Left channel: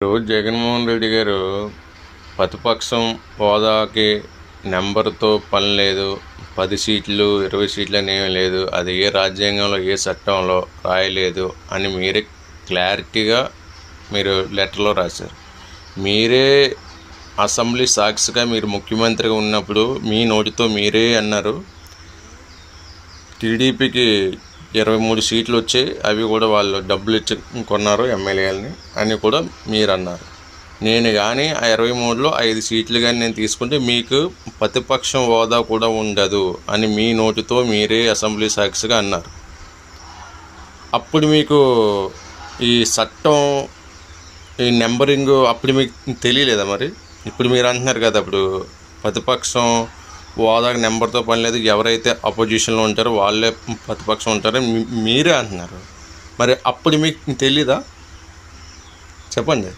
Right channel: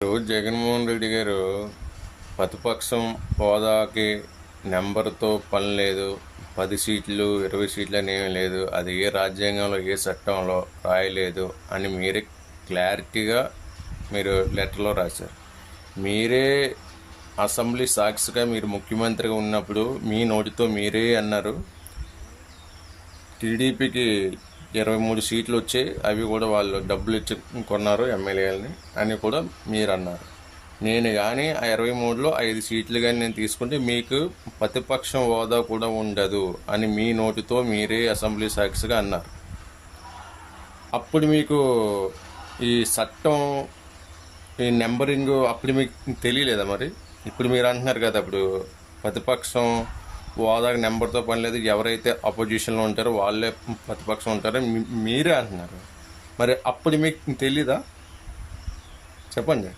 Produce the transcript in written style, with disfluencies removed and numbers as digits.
ఇప్పుడు జగన్మోహన్ రెడ్డి గారు ప్రతిపక్షం హోదాకి నెంబర్తో పని లేదు, 10 సీట్లు 20 సీట్లు అని ఏమీ లేదు, అది ఏ రాజ్యాంగంలో ఏ చట్టంలో రాయలేదు అని మీరే క్లారిటీగా మీరు లెటర్లో రాశారు. మీరే అసెంబ్లీ సాక్షిగా మీరు ముఖ్యమంత్రిగా ఉన్నప్పుడు మీ నోటితో మీరే అన్నారు టీడీపీకి 23 సీట్లు వచ్చాయి, అవి కూడా వాళ్ళు డబ్బులు ఇచ్చి కొన్నారు ఎమ్మెల్యేలని అని కూడా మీరు అన్నారు. నేను కానీ ఆ 23లో 5 సీట్లు కానీ నేను తీసుకుంటే మీకు ప్రతిపక్షం హోదా కూడా ఉండదు అని మీ నోటితో మీరే అసెంబ్లీ సాక్షిగా అన్నారు. అప్పుడు మీకు ఈ చట్టం ఈ నెంబరింగ్ అప్పుడు మీకు తెలియలేదా? మరి ఇప్పుడు మీరు అంటున్నారు కదా, అప్పుడు ప్రతిపక్షం హోదాకి నెంబర్తో పని లేదు, ఎవరైతే అపోజిషన్లో ఉంటారో వాళ్ళే ప్రతిపక్షం ఉంటారో మీరే అంటున్నారు. మరి అప్పుడు మీకు తెలీదా? చెప్పండి.